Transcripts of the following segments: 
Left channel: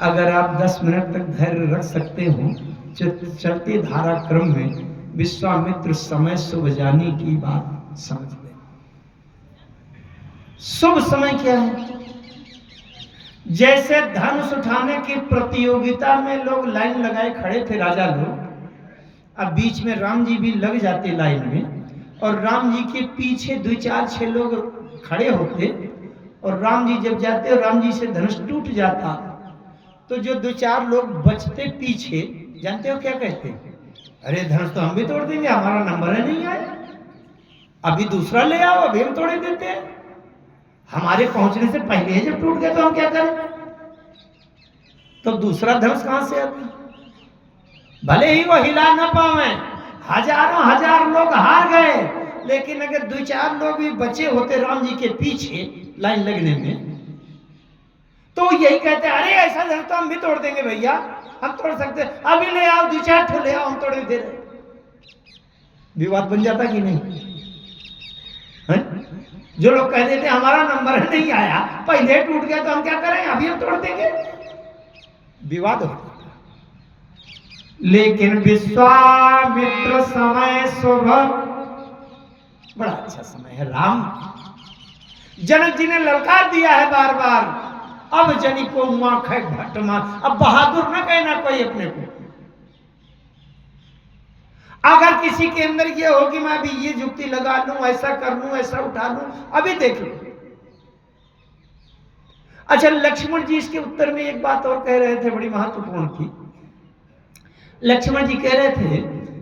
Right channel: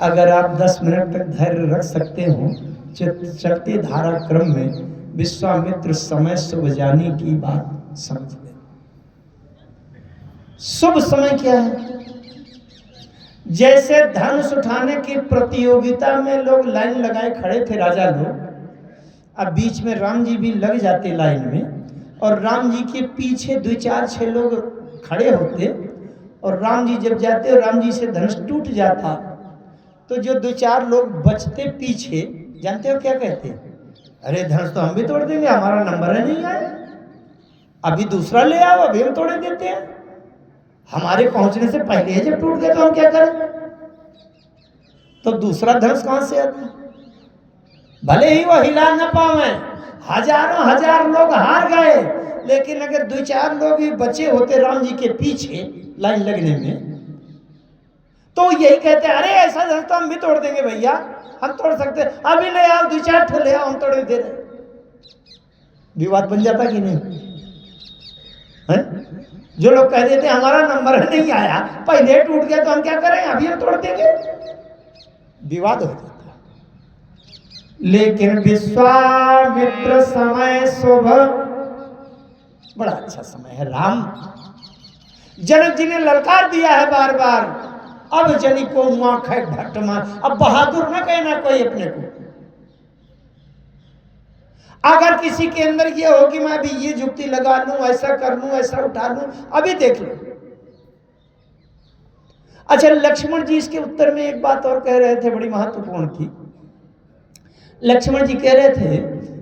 अगर आप 10 मिनट तक धैर्य रख सकते हो, चलती धारा क्रम में विश्वामित्र समय शुभ जानी की बात समझ लें। शुभ समय क्या है? जैसे धनुष उठाने की प्रतियोगिता में लोग लाइन लगाए खड़े थे, राजा लोग, अब बीच में राम जी भी लग जाते लाइन में, और राम जी के पीछे 2 4 6 लोग खड़े होते, और राम जी जब जाते और राम जी से धनुष टूट जाता, तो जो 2 4 लोग बचते पीछे, जानते हो क्या कहते? अरे धनुष तो हम भी तोड़ देंगे, हमारा नंबर है नहीं आया, अभी दूसरा ले आओ, अभी हम तोड़े देते हैं, हमारे पहुंचने से पहले जब टूट गया तो हम क्या करें? तो दूसरा धनुष कहां से आता? भले ही वो हिला न पावे, हजारों हजार लोग हार गए, लेकिन अगर 2 4 लोग भी बचे होते राम जी के पीछे लाइन लगने में, तो यही कहते अरे ऐसा धनुष तो हम भी तोड़ देंगे भैया, हम तोड़ सकते, अभी ले आओ 2 4 ठो ले आओ, हम तोड़ दे रहे। विवाद बन जाता कि नहीं है? जो लोग कह देते हमारा नंबर नहीं आया, पहले टूट गया तो हम क्या करें, अभी हम तोड़ देंगे, विवाद हो जाता। लेकिन विश्वामित्र समय शुभ, बड़ा अच्छा समय है। राम जनक जी ने ललकार दिया है बार बार, अब जनी को हुआ खे भट्टमा, अब बहादुर न कहना कोई अपने को। अगर किसी के अंदर ये हो कि मैं अभी ये जुक्ति लगा लूं, ऐसा कर लूं, ऐसा उठा लूं, अभी देख लो। अच्छा, लक्ष्मण जी इसके उत्तर में एक बात और कह रहे थे बड़ी महत्वपूर्ण थी। लक्ष्मण जी कह रहे थे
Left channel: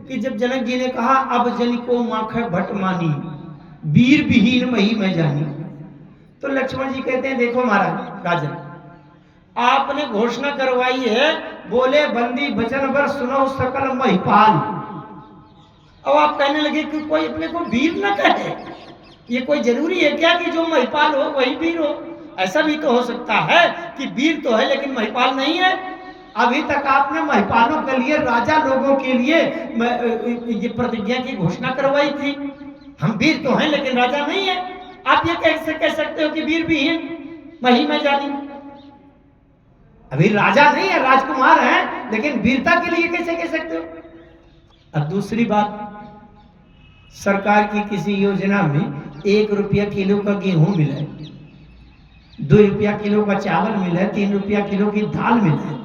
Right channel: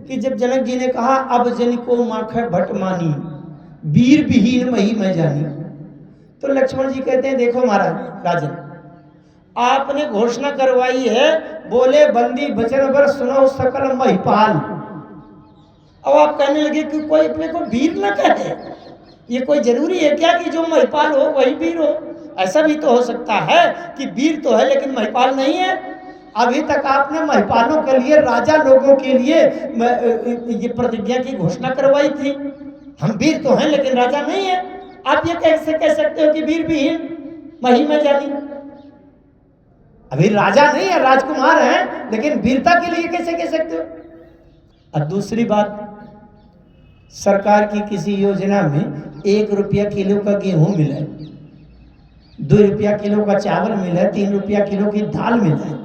कि जब जनक जी ने कहा अब जनी को माखै भट्ट मानी, वीर विहीन मही मैं जानी, तो लक्ष्मण जी कहते हैं देखो महाराज राजन, आपने घोषणा करवाई है, बोले बंदी वचन बर सुनो सकल महिपाल, अब आप कहने लगे कि कोई अपने को वीर न कहे, ये कोई जरूरी है क्या कि जो महिपाल हो वही वीर हो? ऐसा भी तो हो सकता है कि वीर तो है लेकिन महिपाल नहीं है। अभी तक आपने महिपालों के लिए, राजा लोगों के लिए ये प्रतिज्ञा की घोषणा करवाई थी, हम वीर तो हैं लेकिन राजा नहीं है। आप ये कैसे कह सकते हो कि वीर विहीन मही में जानी? अभी राजा नहीं है, राजकुमार हैं, लेकिन वीरता के लिए कैसे कह सकते हो? और दूसरी बात, सरकार की किसी योजना में 1 रुपया किलो का गेहूं मिले, 2 रुपया किलो का चावल मिले, 3 रुपया किलो की दाल मिले,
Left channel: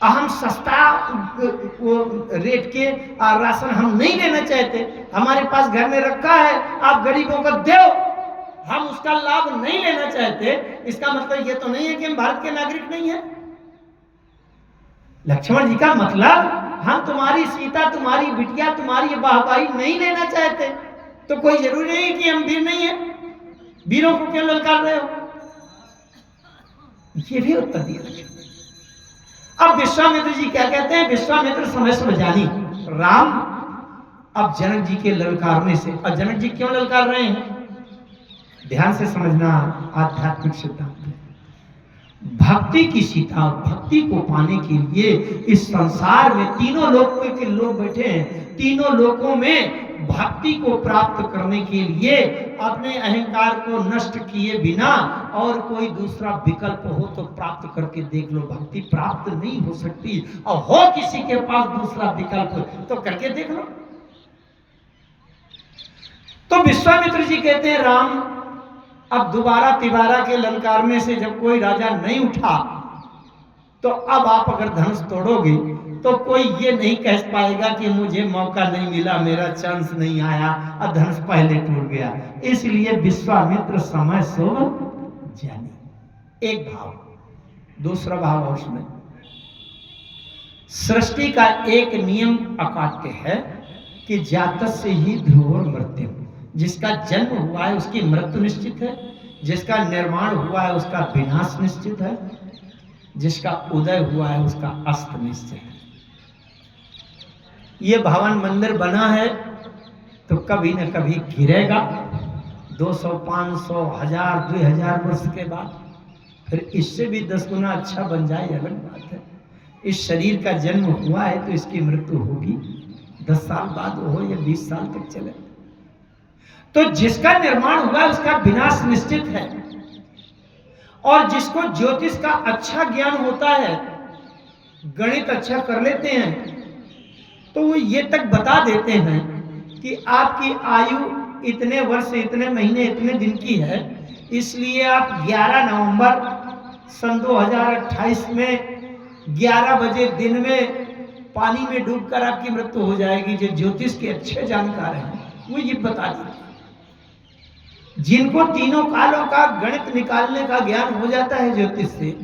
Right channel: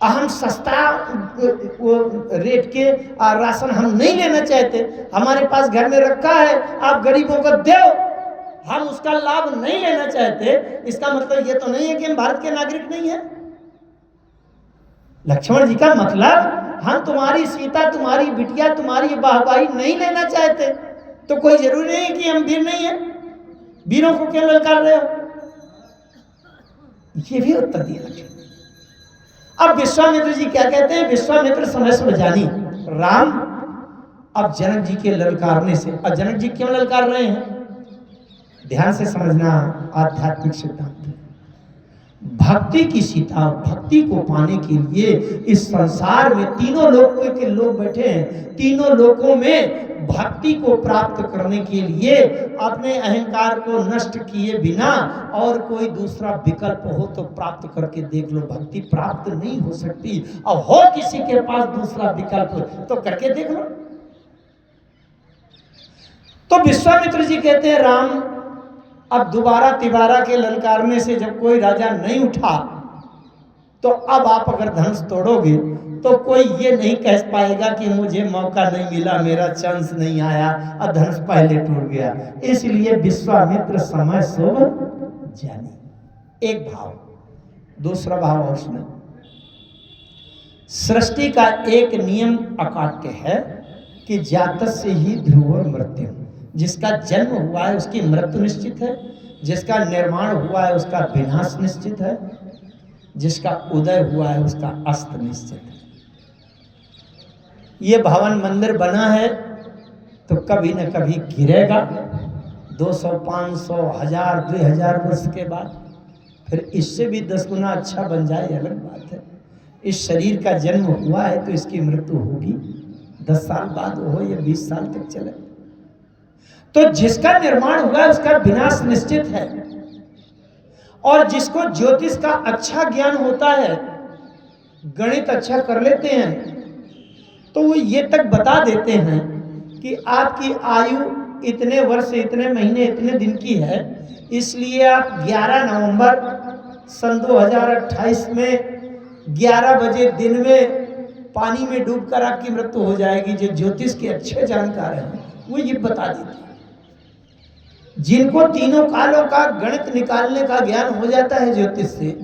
हम सस्ता वो रेट के राशन हम नहीं लेना चाहते, हमारे पास घर में रखा है, आप गरीबों को दो, हम उसका लाभ नहीं लेना चाहते, इसका मतलब ये तो नहीं है कि हम भारत के नागरिक नहीं है। लक्ष्मण जी का मतलब, हम तुम्हारी सीता, तुम्हारी बिटिया, तुम्हारी वाहवाही नहीं लेना चाहते, तो कोई जरूरी नहीं कि हम वीर नहीं है, वीरों को क्यों ललकार रहे हो? ये भी उत्तर दिया लक्ष्मण। अब विश्वामित्र जी क्या कहते हैं? विश्वामित्र समय शुभ जानी, राम अब जनक जी के ललकारने से, और जनक जी क्यों ललकार रहे हैं? ध्यान से समझना, आध्यात्मिक सिद्धांत है। भक्ति की सीता, भक्ति को पाने के लिए इस संसार में तीनों लोक के लोग बैठे हैं, तीनों लोकों में भक्ति को प्राप्त करने के लिए अपने अहंकार को नष्ट किए बिना और कोई दूसरा विकल्प हो तो प्राप्त करके देख लो। भक्ति प्राप्त नहीं हो सकती, और हो किसी के पास दूसरा विकल्प तो करके देख लो। तो विश्वामित्र जी कहते हैं राम, अब दोबारा तिबारा के ललकारने से जब कोई राजा नहीं उठा, तो अब आप अगर धनुष तोड़ोगे तो कोई ये नहीं कह पाएगा कि मुझे मौका नहीं मिला, मेरा चांस नहीं आया, और धनुष पहले टूट गया। इसलिए विश्वामित्र समय शुभ जानी, एक भाव। दूसरा भाव और उसमें सृष्टि का एक नियम अकाट्य है कि जातस्य ही ध्रुवो मृत्यु, जिसका जन्म हुआ है उसकी मृत्यु निश्चित है, जिसका निर्माण हुआ है उसका विनाश निश्चित है, जिसका उदय हुआ है उसका अस्त निश्चित है। ये भवन मंदिर बना है तो कभी न कभी गिरेगा, 200, 500, 1000, 2000 वर्ष के बाद फिर इससे भी 10 गुना अच्छा बन जाए, अलग बात है। इस शरीर का जन्म हुआ है तो इसकी मृत्यु होगी, 10 साल बाद हो या 20 साल तक चले। तो जिसका निर्माण हुआ है उसका विनाश निश्चित है, और जिसको ज्योतिष का अच्छा ज्ञान होता है, गणित अच्छा कर लेते हैं, तो वो ये तक बता देते हैं कि आपकी आयु इतने वर्ष, इतने महीने, इतने दिन की है, इसलिए आप 11 नवंबर सन 2028 में 11 बजे दिन में पानी में डूबकर आपकी मृत्यु हो जाएगी। जो ज्योतिष के अच्छे जानकार हैं वो ये बता देते हैं। जिनको तीनों कालों का गणित निकालने का ज्ञान हो जाता है ज्योतिष से,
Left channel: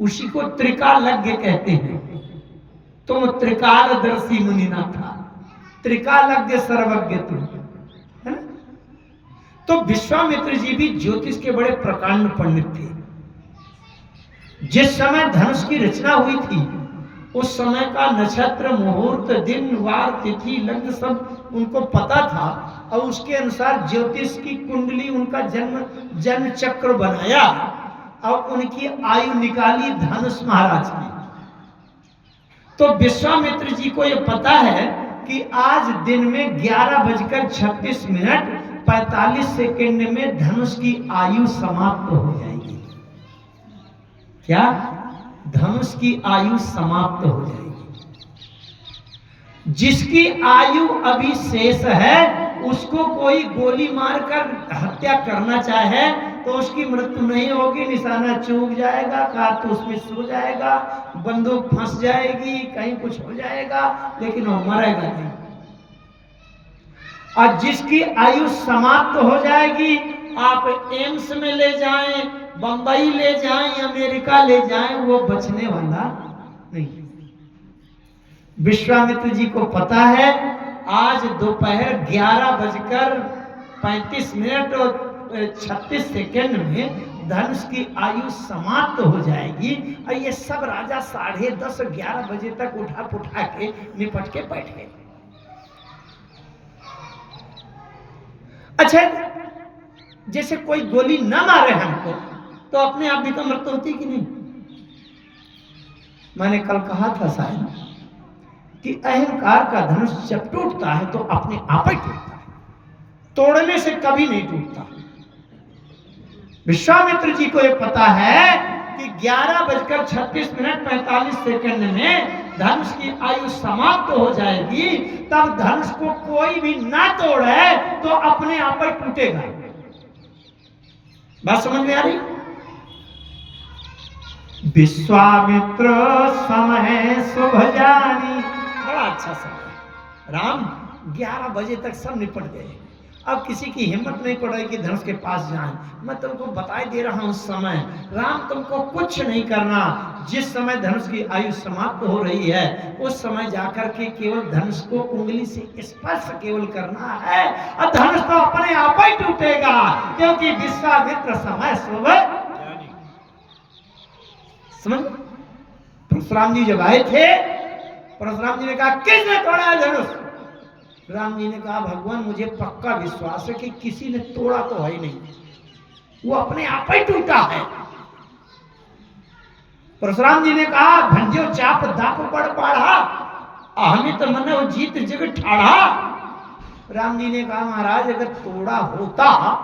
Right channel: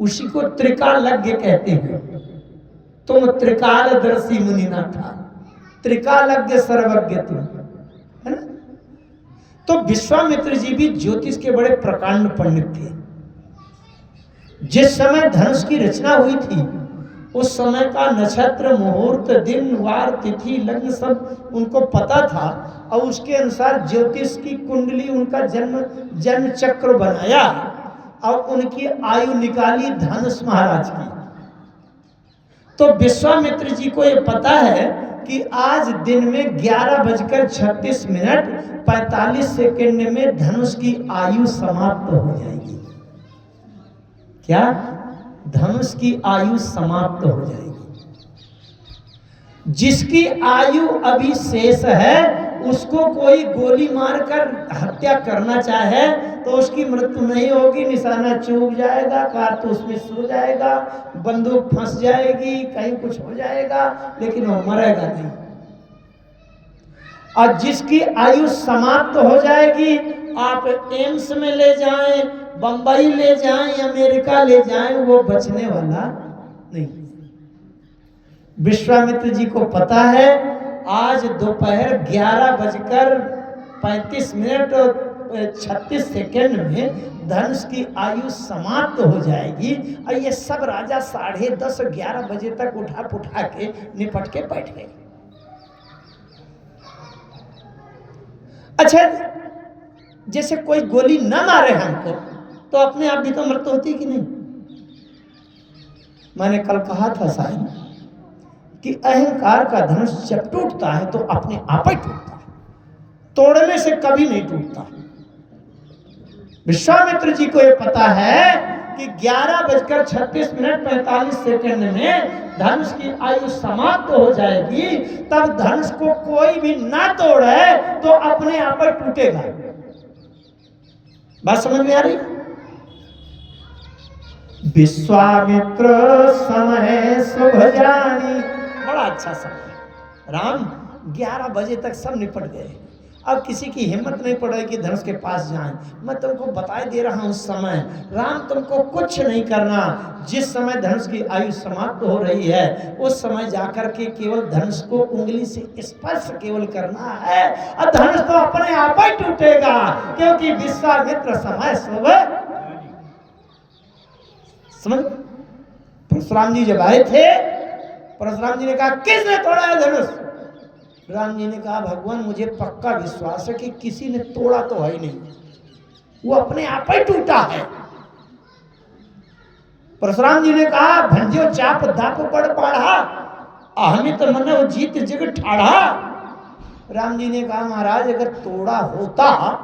उसी को त्रिकालज्ञ कहते हैं। तुम त्रिकालदर्शी मुनि ना था, त्रिकालज्ञ सर्वज्ञ तुम, है ना। तो विश्वामित्र जी भी ज्योतिष के बड़े प्रकांड पंडित थे। जिस समय धनुष की रचना हुई थी उस समय का नक्षत्र, मुहूर्त, दिन, वार, तिथि, लग्न सब उनको पता था और उसके अनुसार ज्योतिष की कुंडली, उनका जन्म चक्र बनाया और उनकी आयु निकाली धनुष महाराज की। तो विश्वामित्र जी को यह पता है कि आज दिन में 11:36 में धनुष की आयु समाप्त हो जाएगी। क्या? धनुष की आयु समाप्त हो जाएगी। जिसकी आयु अभी शेष है उसको कोई गोली मारकर हत्या करना चाहे तो उसकी मृत्यु नहीं होगी, निशाना चूक जाएगा, कारतूस मिस हो जाएगा, बंदूक फंस जाएगी, कहीं कुछ हो जाएगा, लेकिन वो मरेगा नहीं। और जिसकी आयु समाप्त हो जाएगी, आप एम्स में ले जाएं, बंबई ले जाएं, अमेरिका ले जाएं, वो बचने वाला नहीं। विश्वामित्र जी को पता है आज दोपहर 11:35 और 36 में धनुष की आयु समाप्त हो जाएगी। और ये सब राजा 10:30 11 बजे तक उठा पुठा के निपट के बैठ गए। अच्छा, जैसे कोई गोली न मारे हमको तो अपने आप भी तो मृत्यु होती कि नहीं। मैंने कल कहा था शायद कि अहंकार का धनुष जब टूटता है तो अपने आप ही टूटता है, तोड़ने से कभी नहीं टूटता। विश्वामित्र जी को यह पता है कि 11:36 में धनुष की आयु समाप्त हो जाएगी। तब धनुष को कोई भी ना तोड़े तो अपने आप ही टूटेगा। बात समझ में आ रही? विश्वामित्र समय शुभ जानी, बड़ा अच्छा समय। राम 11 बजे तक सब निपट गए। अब किसी की हिम्मत नहीं पड़ रही कि धनुष के पास जाएं। मैं तुमको बताई दे रहा हूं समय, राम तुमको कुछ नहीं करना। जिस समय धनुष की आयु समाप्त हो रही है उस समय जाकर के केवल धनुष को उंगली से स्पर्श केवल करना है और धनुष तो अपने आप ही टूटेगा, क्योंकि विश्वामित्र समय शुभ। समझ? परशुराम जी जब आए थे, परशुराम जी ने कहा किसने तोड़ा है धनुष? राम जी ने कहा भगवान मुझे पक्का विश्वास है कि किसी ने तोड़ा तो है ही नहीं, वो अपने आप ही टूटा है। परशुराम जी ने कहा भंजो चाप दाप पड़ पाढ़ा, अहमित तो मन वो जीत जग ठाढ़ा। राम जी ने कहा महाराज अगर तोड़ा होता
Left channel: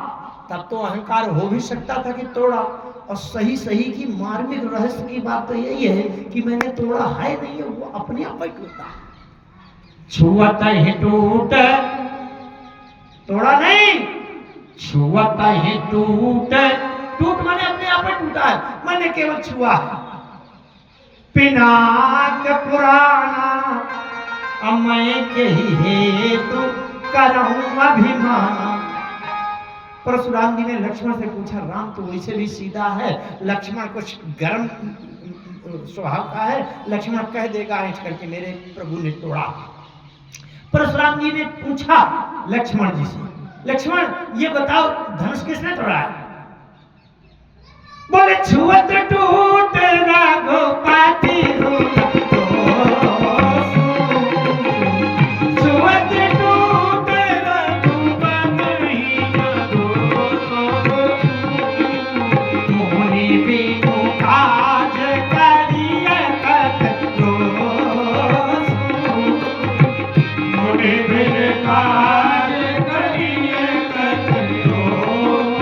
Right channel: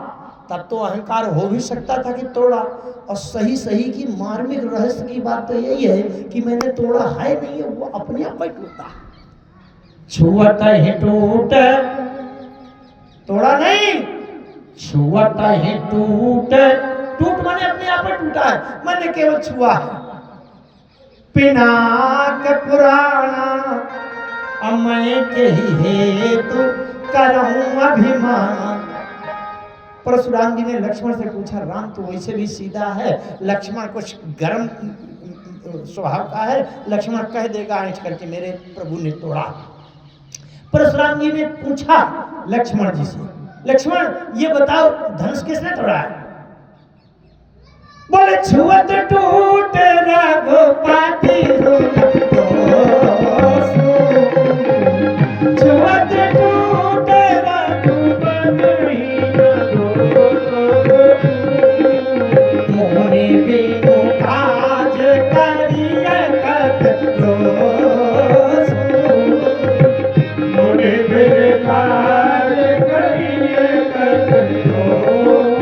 तब तो अहंकार हो भी सकता था कि तोड़ा, और सही सही की मार्मिक रहस्य की बात तो यही है कि मैंने तोड़ा है नहीं, वो अपने आप ही टूटा। छुअत है टूट, तोड़ा नहीं, छुअत है टूट, टूट मैंने अपने आप ही टूटा है, मैंने केवल छुआ है। पिनाक पुराना मैं के ही हेतु करहूं अभिमान। परशुराम जी ने लक्ष्मण से पूछा राम तो वैसे भी सीधा है, लक्ष्मण कुछ गर्म स्वभाव का है, लक्ष्मण कह देगा ऐंठ करके मेरे प्रभु ने तोड़ा। परशुराम जी ने पूछा लक्ष्मण जी से, लक्ष्मण ये बताओ धनुष किसने तोड़ा है? बोले छुअत टूट रघुपति छुअत टूट रघुपति मोने बिनु काज करिए कत दोष, मोने बिनु काज करिए कत दोष।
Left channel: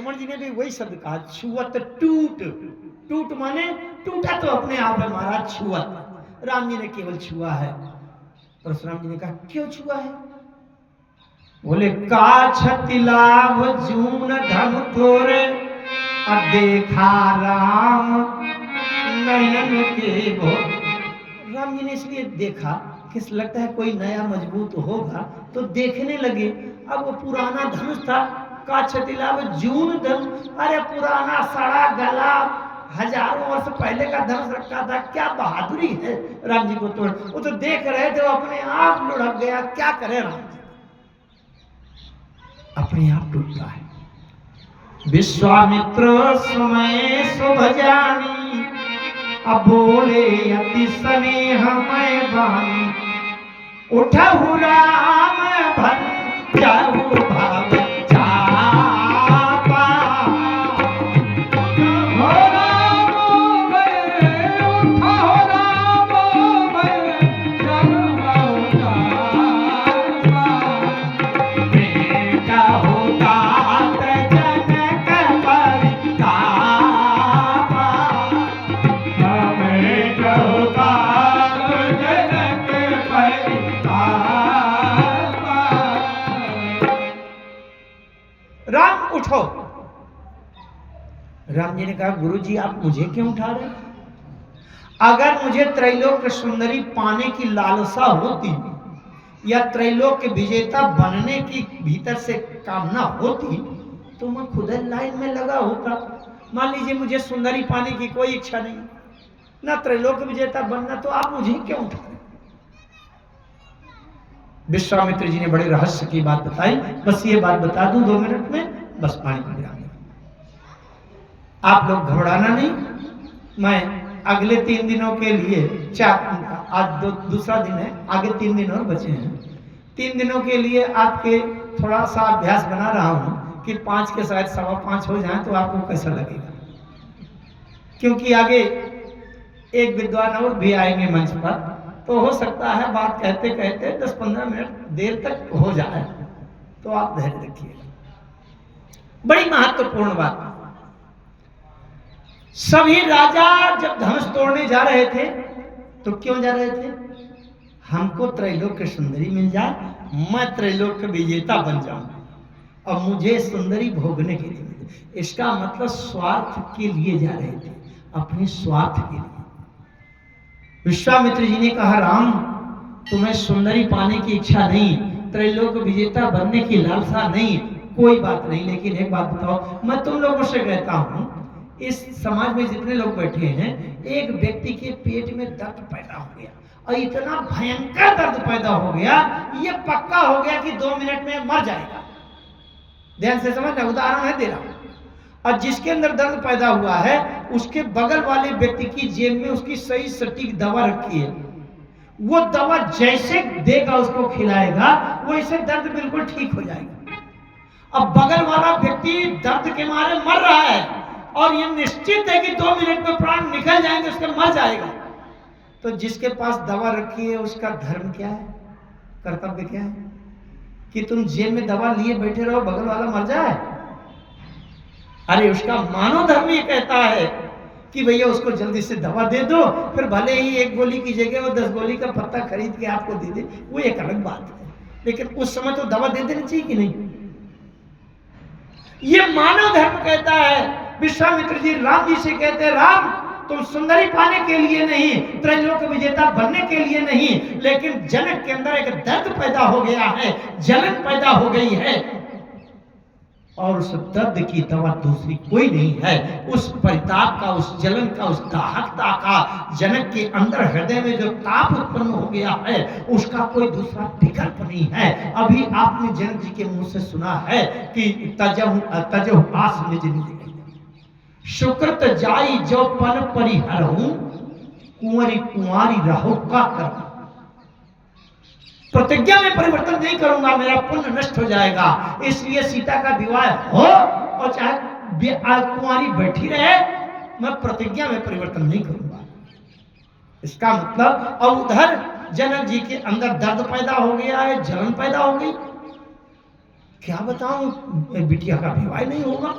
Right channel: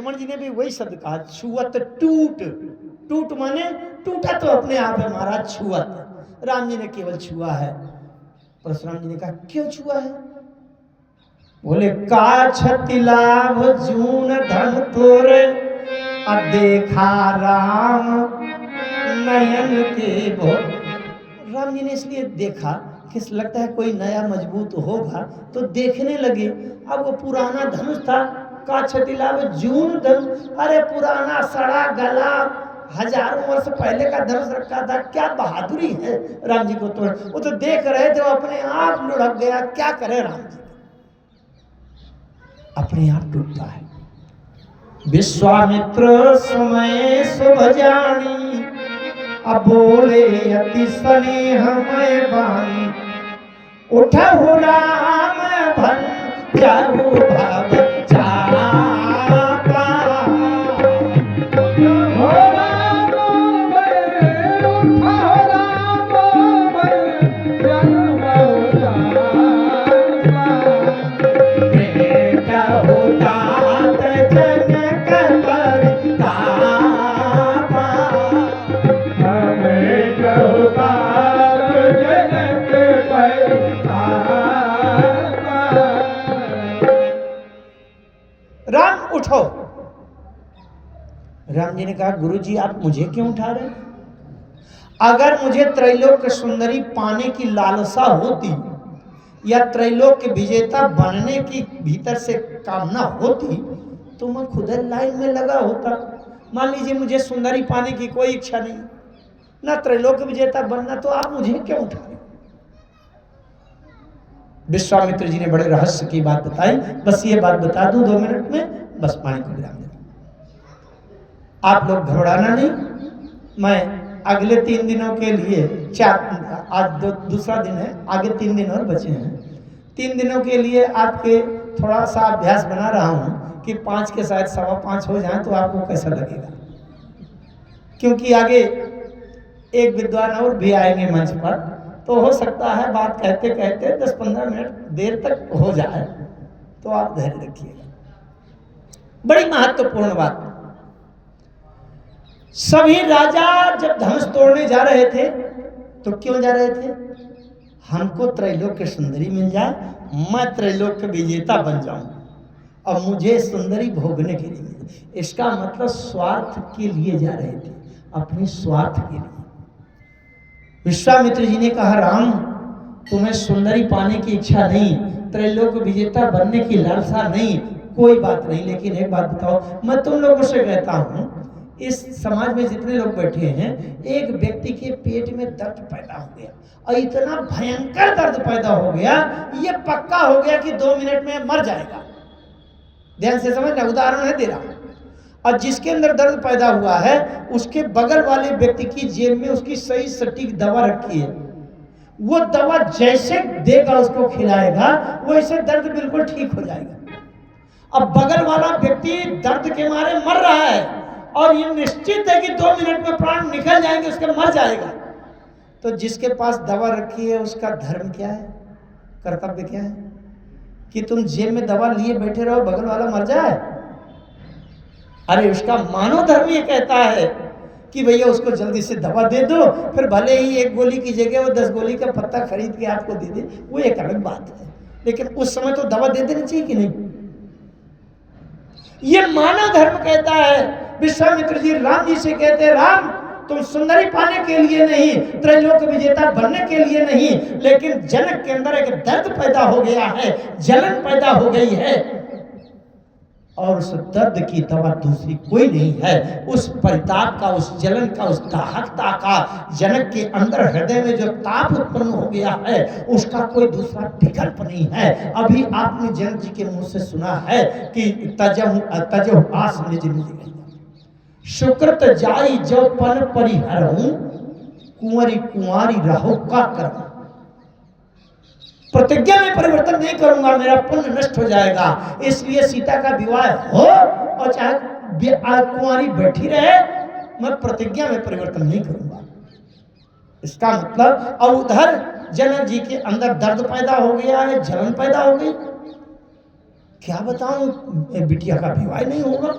लक्ष्मण जी ने भी वही शब्द कहा, छुअत टूट। टूट माने टूटा तो अपने आप है महाराज, छुअत। राम जी ने केवल छुआ है। परशुराम जी ने कहा क्यों छुआ है? बोले का छति लाभ जून धन तोरे, देखा राम नयन के भो। राम जी ने इसलिए देखा कि लगता है कोई नया मजबूत होगा, तो देखने लगे। अब वो पुराना धनुष था, का छति लाभ जून धनुष, अरे पुराना सड़ा गला, हजारों वर्ष पहले का धनुष रखा था, क्या बहादुरी है राम जी को तोड़। वो तो देख रहे थे, अपने आप लुढ़क गया। क्या करे राम जी, अपने आप टूटता है। विश्वामित्र समय शुभ जानी, अब बोले अति स्नेहमय वाणी, उठहु राम भंजहु भव चापा। राम उठो। राम जी ने कहा गुरु जी आप मुझे क्यों उठा रहे? अगर मुझे त्रैलोक सुंदरी पाने की लालसा होती या त्रैलोक के विजेता बनने की भीतर से कामना होती तो मैं खुद लाइन में लगा होता। मान लीजिए मुझे सुंदरी पाने की कोई इच्छा नहीं, ना त्रैलोक विजेता बनना, तो आप मुझे क्यों उठा रहे? विश्वामित्र जी ने बड़े रहस्य की बात बताई। बस ये बात बता दूं 2 मिनट में, बस पानी को विराम देना। आप लोग घबराना नहीं। मैं अगले 3 दिनों के लिए, आज दूसरा दिन है, आगे 3 दिन और बचे हैं। 3 दिनों के लिए आपके थोड़ा सा अभ्यास बना रहा हूं कि 5 के शायद 5:15 हो जाए तो आपको कैसा लगेगा, क्योंकि आगे एक विद्वान और भी आएंगे मंच पर, तो हो सकता है बात कहते कहते 10-15 मिनट देर तक हो जाए, तो आप धैर्य रखिएगा। बड़ी महत्वपूर्ण बात। सभी राजा जब धनुष तोड़ने जा रहे थे तो क्यों जा रहे थे? हमको त्रैलोक की सुंदरी मिल जाए, मैं त्रैलोक के विजेता बन जाऊं और मुझे सुंदरी भोगने के लिए मिले। इसका मतलब स्वार्थ के लिए जा रहे थे, अपने स्वार्थ के लिए। विश्वामित्र जी ने कहा राम तुम्हें सुंदरी पाने की इच्छा नहीं, त्रैलोक विजेता बनने की लालसा नहीं, कोई बात नहीं, लेकिन एक बात बताओ, मैं तुम लोगों से कहता हूं, इस समाज में जितने लोग बैठे हैं, एक व्यक्ति के पेट में दर्द पैदा हो गया और इतना भयंकर दर्द पैदा हो गया, ये पक्का हो गया कि 2 मिनट में मर जाएगा। ध्यान से समझना, उदाहरण है दे रहा हूं। और जिसके अंदर दर्द पैदा हुआ है उसके बगल वाले व्यक्ति की जेब में उसकी सही सटीक दवा रखी है, वो दवा जैसे देगा उसको खिलाएगा वैसे दर्द बिल्कुल ठीक हो जाएगा। अब बगल वाला व्यक्ति दर्द के मारे मर रहा है और ये निश्चित है कि 2 मिनट में प्राण निकल जाएंगे, उसके मर जाएगा। तो जिसके पास दवा रखी है उसका धर्म क्या है, कर्तव्य क्या है? कि तुम जेब में दवा लिए बैठे रहो, बगल वाला मर जाए? अरे उसका मानव धर्म ये कहता है कि भैया उसको जल्दी से दवा दे दो, फिर भले ही 1 गोली की जगह वो 10 गोली का पत्ता खरीद के आपको दे दे, वो एक अलग बात है, लेकिन उस समय तो दवा दे देनी चाहिए कि नहीं? ये मानव धर्म कहता है। विश्वामित्र जी राम जी से कहते हैं राम तुम सुंदरी पाने के लिए नहीं, त्रैलोक विजेता बनने के लिए नहीं, लेकिन जनक के अंदर एक दर्द पैदा हो गया है, जलन पैदा हो गई है, और उस दर्द की दवा दूसरी कोई नहीं है। उस परिताप का, उस जलन का, उस दाहकता का, जनक के अंदर हृदय में जो ताप उत्पन्न हो गया है उसका कोई दूसरा विकल्प नहीं है। अभी आपने जनक जी के मुंह से सुना है कि तजहु आस निज निज सुकृत जाई जो पन परिहरहूं, कुंवरी कुंवारी रहो का करम। प्रतिज्ञा में परिवर्तन नहीं करूंगा, मेरा पुण्य नष्ट हो जाएगा, इसलिए सीता का विवाह हो और चाहे कुंवारी बैठी रहे, मैं प्रतिज्ञा में परिवर्तन नहीं करूंगा। इसका मतलब अब उधर जनक जी के अंदर दर्द पैदा हो गया है, जलन पैदा हो गई। क्या बताऊं, बिटिया का विवाह नहीं होगा,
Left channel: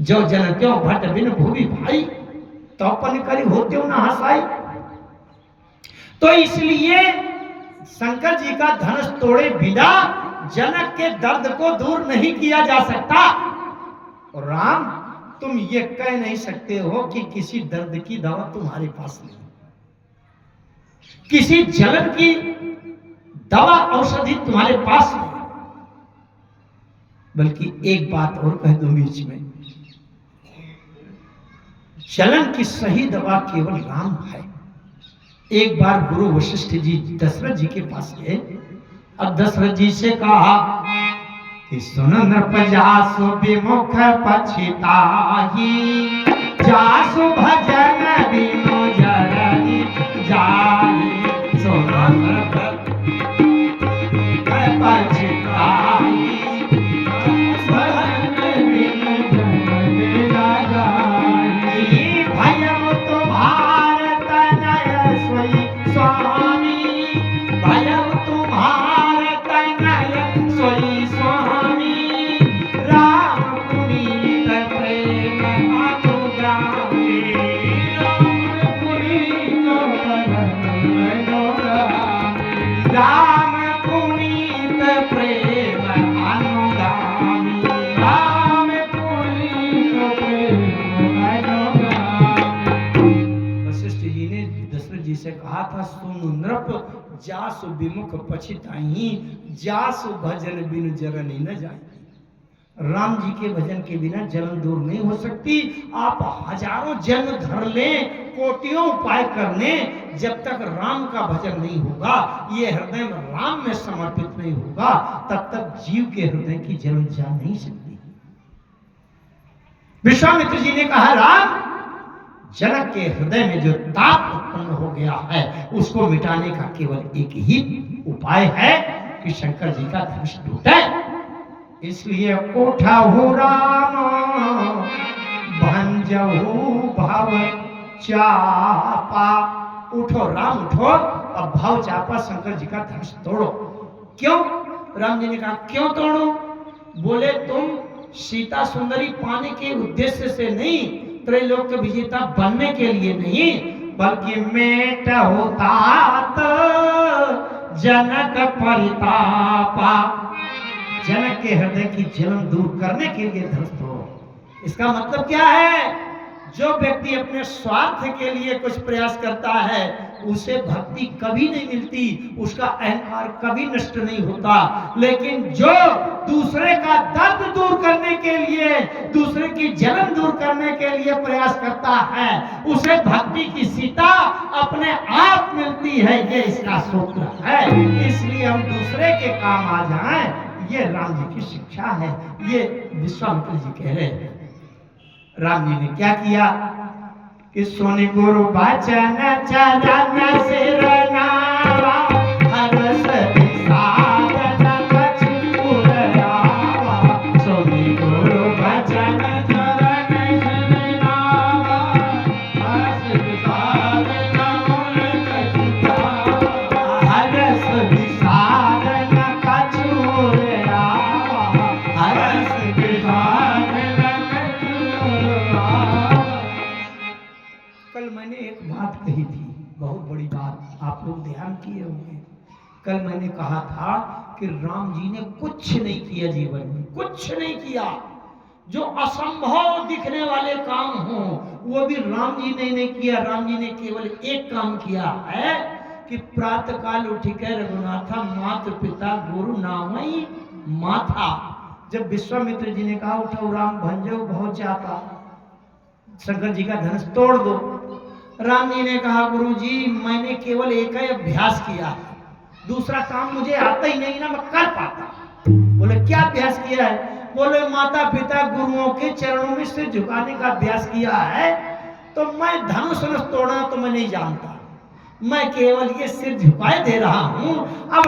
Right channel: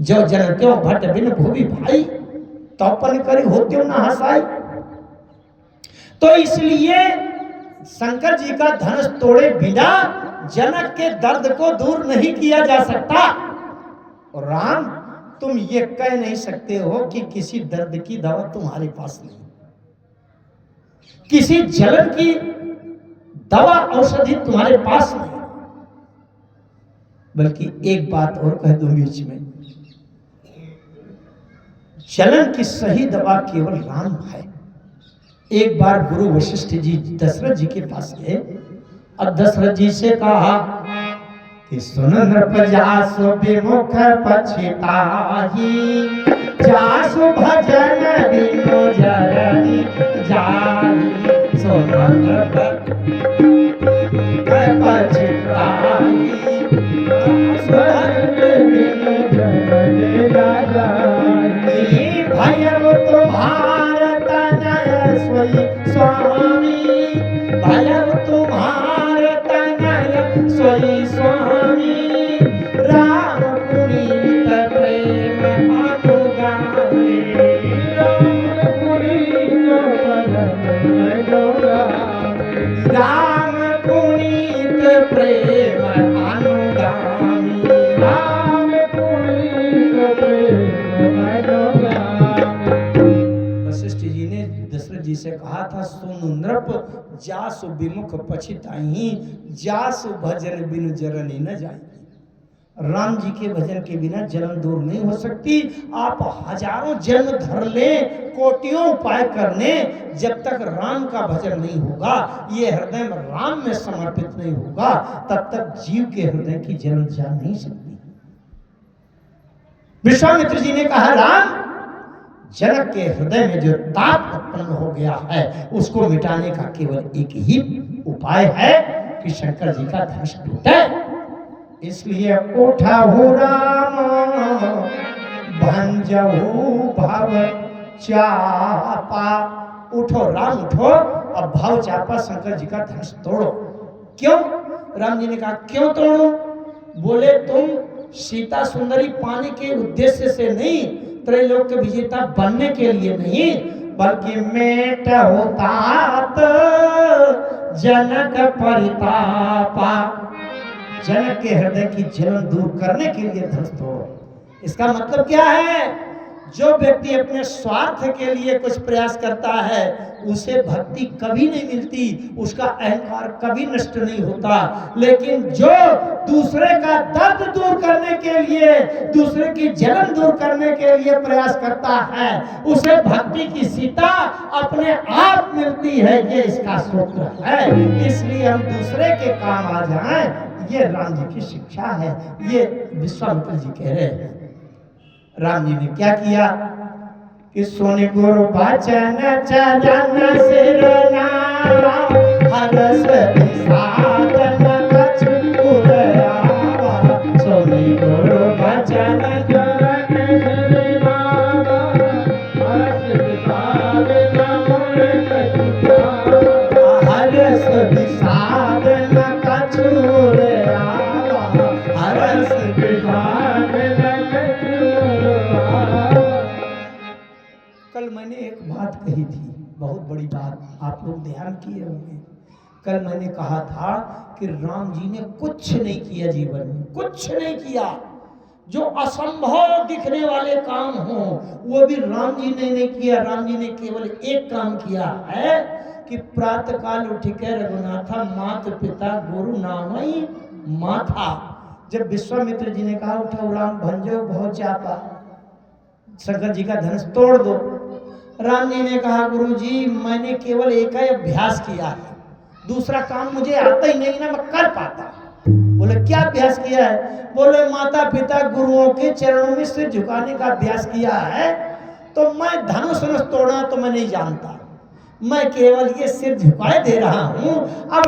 जो जनत्यों भट्ट बिन भूवि भाई, तौपन करी होत्यो न हसाई। तो इसलिए शंकर जी का धनुष तोड़े बिना जनक के दर्द को दूर नहीं किया जा सकता। और राम, तुम ये कह नहीं सकते हो कि किसी दर्द की दवा तुम्हारे पास नहीं, किसी जलन की दवा औषधि तुम्हारे पास नहीं। बल्कि एक बात और कह दूं बीच में, जलन की सही दवा केवल राम है। एक बार गुरु वशिष्ठ जी दशरथ जी के पास गए और दशरथ जी से कहा कि सुन नृप जासु विमुख पछिताहि, जासु भजन बिनु जरनि जाहि। सुन नृप पछिताहि, जासु भजन बिनु जरनि जाहि। भयउ तुम्हार तनय सोई स्वामी, भयउ तुम्हार तनय सोई स्वामी। राम पुनीत प्रेम अनुगामी, राम पुनीत प्रेम अनुगामी, राम पुनीत प्रेम अनुगामी। वशिष्ठ जी ने दशरथ जी से कहा था, सुन नृप जासु विमुख पछिताहि, जासु भजन बिनु जरनि न जाहि। राम जी के भजन के बिना जलन दूर नहीं हो सकती। आप हजारों जन्म धर ले, कोटियों उपाय कर ले, जब तक राम का भजन नहीं होगा, ये हृदय में राम में समर्पित नहीं होगा, तब तक जीव के हृदय की जलन जा नहीं सकती। विश्वामित्र जी ने कहा, राम, जनक के हृदय में जो ताप उत्पन्न हो गया है उसको मिटाने का केवल एक ही उपाय है कि शंकर जी का धनुष टूटे। इसलिए उठहु राम भंजहु भव चापा। उठो राम, उठो, अब भव चापा शंकर जी का धनुष तोड़ो। क्यों? राम जी ने कहा, क्यों तोड़ो? बोले, तुम सीता सुंदरी पाने के उद्देश्य से नहीं, त्रैलोक के विजेता बनने के लिए नहीं, बल्कि मेट होतात जनक परितापा, जनक के हृदय की जलन दूर करने के लिए धनुष तोड़ो। इसका मतलब क्या है? जो व्यक्ति अपने स्वार्थ के लिए कुछ प्रयास करता है उसे भक्ति कभी नहीं मिलती, उसका अहंकार कभी नष्ट नहीं होता। लेकिन जो दूसरे का दर्द दूर करने के लिए, दूसरे की जलन दूर करने के लिए प्रयास करता है, उसे भक्ति की सीता अपने आप मिलती है। ये इसका सूत्र है। इसलिए हम दूसरे के काम आ जाएं, ये राम जी की शिक्षा है। ये विश्वामित्र जी कह रहे हैं। राम जी ने क्या किया कि सुनि गुरु वचन चरण सिर नावा, हरस साधन कछुर आवा। सुनि गुरु वचन चरण सिर नावा, हरस साधन हरस साधन कछुर आवा, हरस कल मैंने एक बात कही थी, बहुत बड़ी बात, आप लोग ध्यान किए होंगे। कल मैंने कहा था कि राम जी ने कुछ नहीं किया जीवन में, कुछ नहीं किया। जो असंभव दिखने वाले काम हो वो भी राम जी ने नहीं किया। राम जी ने केवल एक काम किया है कि प्रातः काल उठ के रघुनाथा मात पिता गुरु नामई माथा। जब विश्वामित्र जी ने कहा, उठो राम भंजो भव चापा, शंकर जी का धनुष तोड़ दो, राम जी ने कहा, गुरु जी मैंने केवल एक ही अभ्यास किया है, दूसरा काम मुझे आता ही नहीं ना मैं कर पाता। बोले क्या अभ्यास किया है? बोले माता पिता गुरुओं के चरणों में सिर झुकाने का अभ्यास किया है। तो मैं धनुष तोड़ना तो मैं नहीं जानता, मैं केवल ये सिर झुकाए दे रहा हूं। अब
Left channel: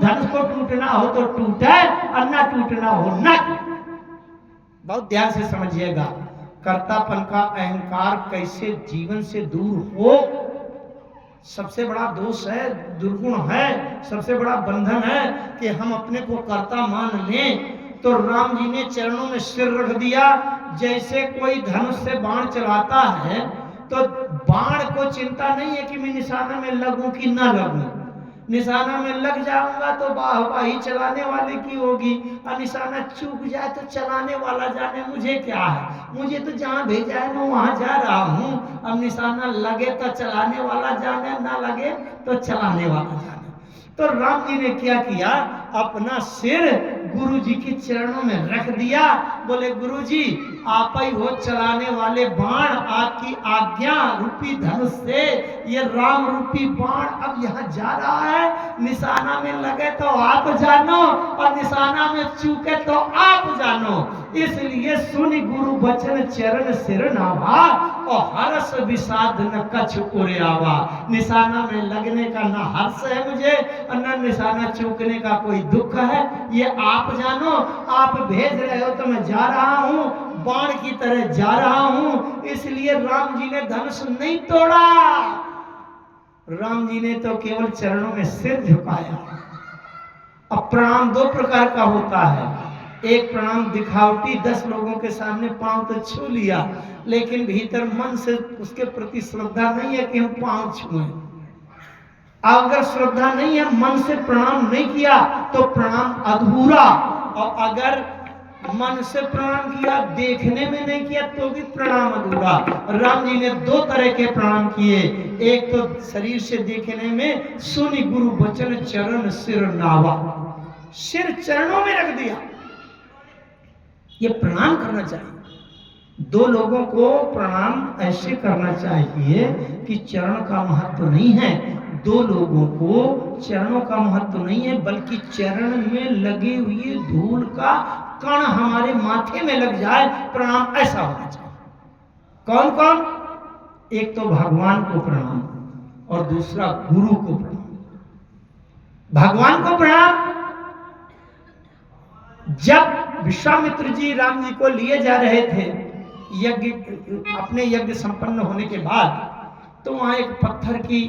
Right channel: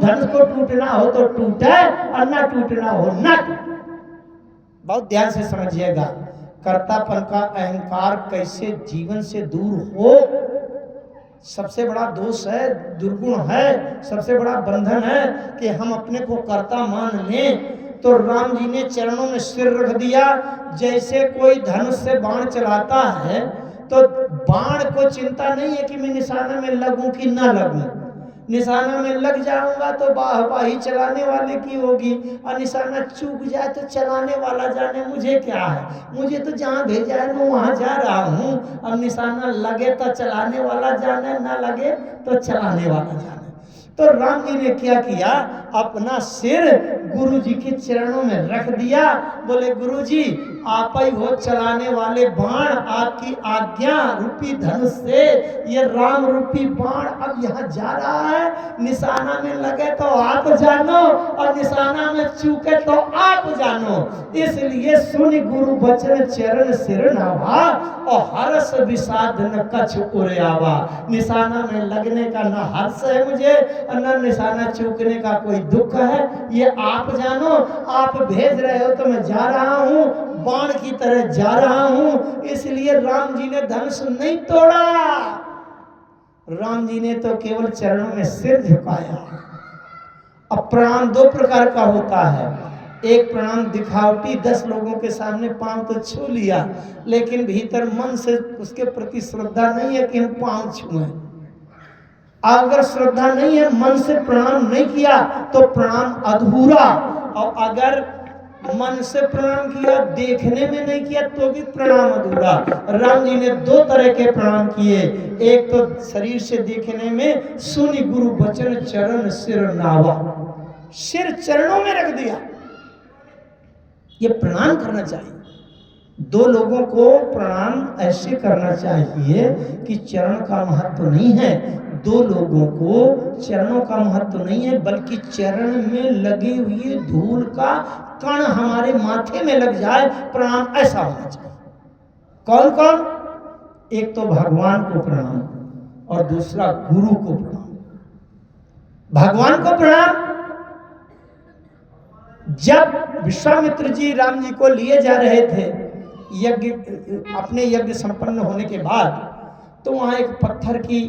धनुष को टूटना हो तो टूटे और ना टूटना हो ना टूटे। बहुत ध्यान से समझिएगा, कर्तापन का अहंकार कैसे जीवन से दूर हो। सबसे बड़ा दोष है, दुर्गुण है, सबसे बड़ा बंधन है कि हम अपने को कर्ता मान लें। तो राम जी ने चरणों में सिर रख दिया, जैसे कोई धनुष से बाण चलाता है तो बाण को चिंता नहीं है कि मैं निशाना में लगूं कि ना लगूं। निशाना में लग जाऊंगा तो वाहवाही चलाने वाले की होगी, और निशाना चूक जाए तो चलाने वाला जाने मुझे क्या है, मुझे तो जहाँ भेजा है मैं वहाँ जा रहा हूँ। अब निशाना लगे तो चलाने वाला जाने, ना लगे तो चलाने वाला जाने। तो राम जी ने क्या किया, अपना सिर गुरु जी के चरणों में रख दिया। बोले गुरु जी आप ही हो चलाने वाले बाण, आपकी आज्ञा रूपी धनुष से ये राम रूपी बाण अब यहाँ जा रहा है। निशाना में लगे तो आप जानो और निशाना में चूके तो आप जानो। इसलिए सुन गुरु बचन चरण सिर नावा और हर्ष विषाद न कछ उरे आवा। निशाना में लगने का ना हर्ष है मुझे और न निशाना चूकने का कोई दुख है, ये आप जानो। आप भेज रहे हो तो मैं जा रहा हूँ, बाण की तरह जा रहा हूँ। इसलिए राम जी ने धनुष नहीं तोड़ा, राम जी ने तो केवल चरणों में सिर झुकाया। अब प्रणाम दो प्रकार का होता है, एक प्रणाम दिखावटी, 10 लोगों के सामने पांव तो छू लिया, लेकिन भीतर मन से उसके प्रति श्रद्धा नहीं है कि हम पांव छुएं। अगर श्रद्धा नहीं है, मन से प्रणाम नहीं किया तो प्रणाम अधूरा, और अगर मन से प्रणाम किया, देखने में नहीं किया तो भी प्रणाम अधूरा। राम जी ने 2 तरह के प्रणाम किए, एक तो शरीर से देखने में, सुनि गुरु बचन चरण सिर नावा, सिर चरणों में रख दिया। ये प्रणाम करना चाहिए। 2 लोगों को प्रणाम ऐसे करना चाहिए कि चरण का महत्व नहीं है, 2 लोगों को चरणों का महत्व नहीं है, बल्कि चरण में लगे हुए धूल का कण हमारे माथे में लग जाए, प्रणाम ऐसा होना चाहिए। कौन कौन? एक तो भगवान को प्रणाम और दूसरा गुरु को प्रणाम। भगवान को प्रणाम, जब विश्वामित्र जी राम जी को लिए जा रहे थे यज्ञ, अपने यज्ञ संपन्न होने के बाद, तो वहां एक पत्थर की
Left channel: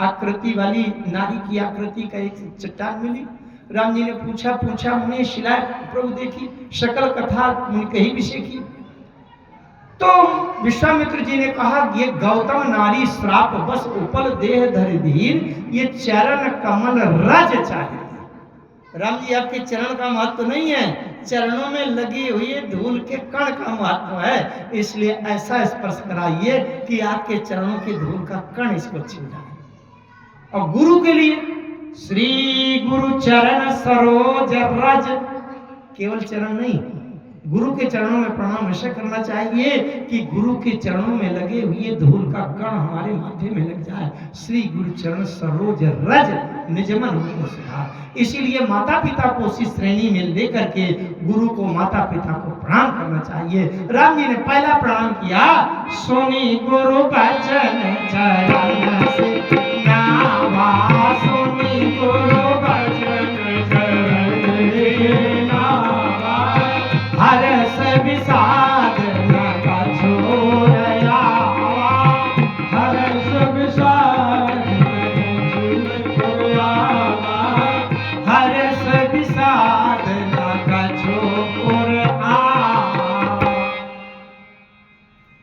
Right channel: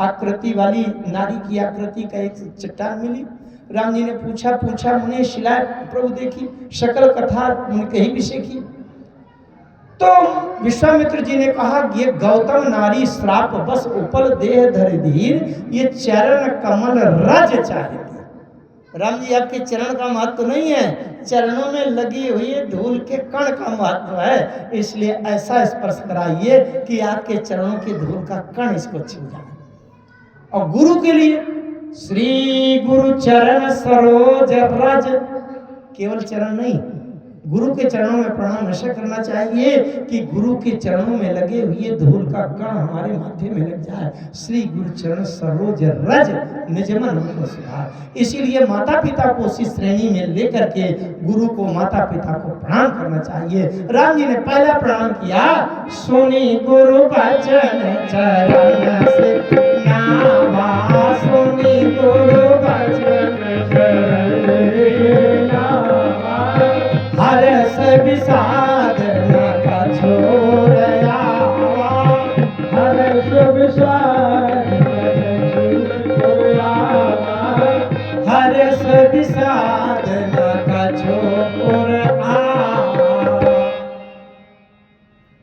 आकृति वाली, नारी की आकृति का एक चट्टान मिली। राम जी ने पूछा मुने शिलाए प्रभु देखी, सकल कथा मुनि कही विषय की। तो विश्वामित्र जी ने कहा ये गौतम नारी श्राप बस उपल देह धर धीर, ये चरण कमल रज चाहिए। राम जी आपके चरण का महत्व नहीं है, चरणों में लगी हुई धूल के कण का महत्व है। इसलिए ऐसा स्पर्श कराइए कि आपके चरणों की धूल का कण इसको छू जाए। और गुरु के लिए श्री गुरु चरण सरोज रज, केवल चरण नहीं, गुरु के चरणों में प्रणाम ऐसा करना चाहिए कि गुरु के चरणों में लगे हुए धूल का कण हमारे माथे में लग जाए। श्री गुरु चरण सरोज रज निजमन सुधार। इसीलिए माता पिता को उसी श्रेणी में लेकर के गुरु को, माता पिता को प्रणाम करना चाहिए। राम जी ने पहला प्रणाम किया, सुनी गुरु बचन चरण से नावा, सुनी गुरु बचन चरण नावा, हर्ष विषाद न कछु आवा, हर्ष विषाद विषाद न कछु आवा।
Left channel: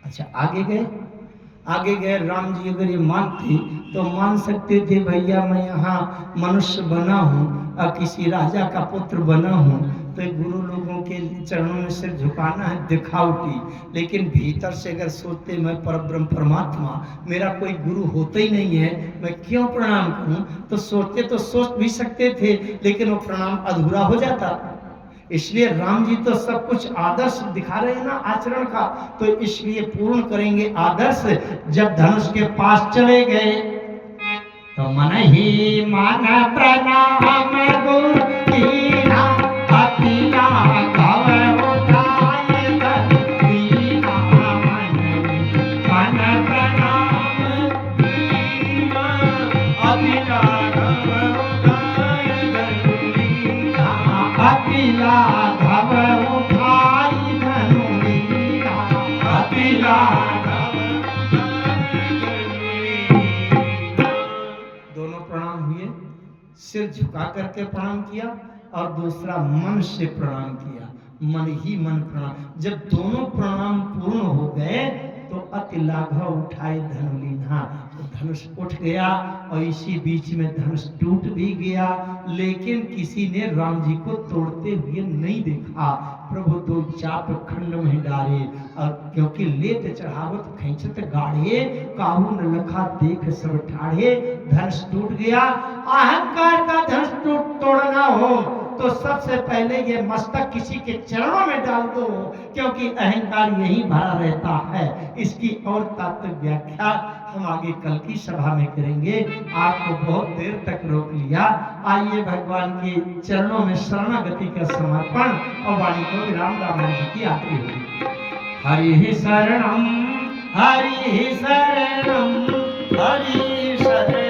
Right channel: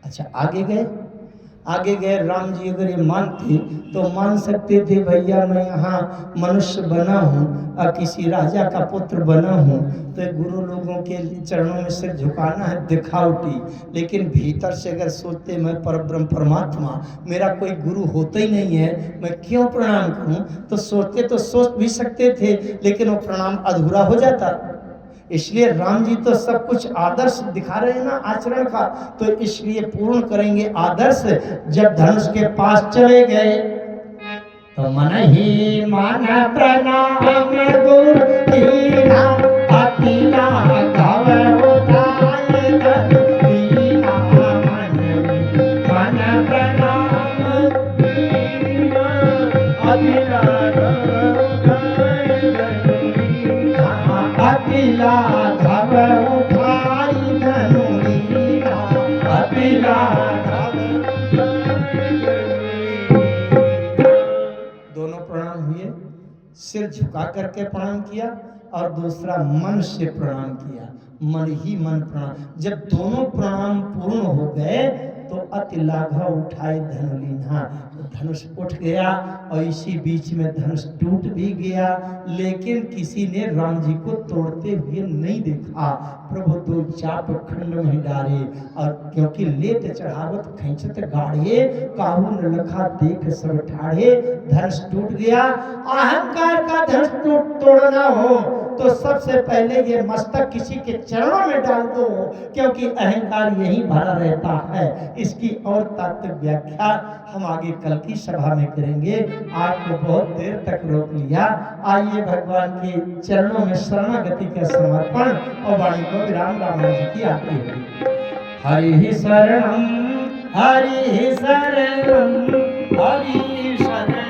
अच्छा आगे गए राम जी अगर ये मानते तो मान सकते थे भैया मैं यहाँ मनुष्य बना हूँ और किसी राजा का पुत्र बना हूँ, तो गुरु लोगों के चरणों में सिर झुकाना है दिखावटी। लेकिन भीतर से अगर सोचते मैं परब्रह्म परमात्मा, मेरा कोई गुरु होता ही नहीं है, मैं क्यों प्रणाम करूँ, तो सोचते तो सोच भी सकते थे, लेकिन वो प्रणाम अधूरा हो जाता। इसलिए राम जी तो सब कुछ आदर्श दिखा रहे हैं ना आचरण का, तो इसलिए पूर्ण करेंगे आदर्श। जब धनुष के पास चले गए तो मन ही मन प्रणाम गुरु दीना, अति लाघव उठाए दीना, मन प्रणाम दीना, अति लाघव उठाए दीना, अति लाघव उठाई दीना, अति लाघव। दोनों प्रणाम हुए, सिर झुका करके प्रणाम किया और दूसरा मन से प्रणाम किया। मन ही मन प्रणाम। जब दोनों प्रणाम पूर्ण हो गए तो अति लाघव उठाए धनुलीना, तो धनुष उठ गया और इसी बीच में धनुष टूट भी गया, लेकिन किसी ने राम जी को तोड़ते हुए नहीं देखा। प्रभु दो चाप खंड में डाले, और क्योंकि लेत चढ़ावत खैंचत गाढ़े, काहू न लखा देख सब ठाढ़े। धनुष टूट गया। अहंकार का धनुष तोड़ना हो तो सबसे पहले ये मस्तक किसी के चरणों में डाल दो, क्योंकि अहंकार यही भरा रहता है। इसकी और तात्विक व्याख्या हम आगे कल की सभा में करेंगे। आपको बहुत देर तक रोक लिया। आइए भगवान के चरणों में शरणागति का समर्पण और वाणी को विराम राम जी की आरती होगी। हरि शरणम हरि शरणम हरि शरणम।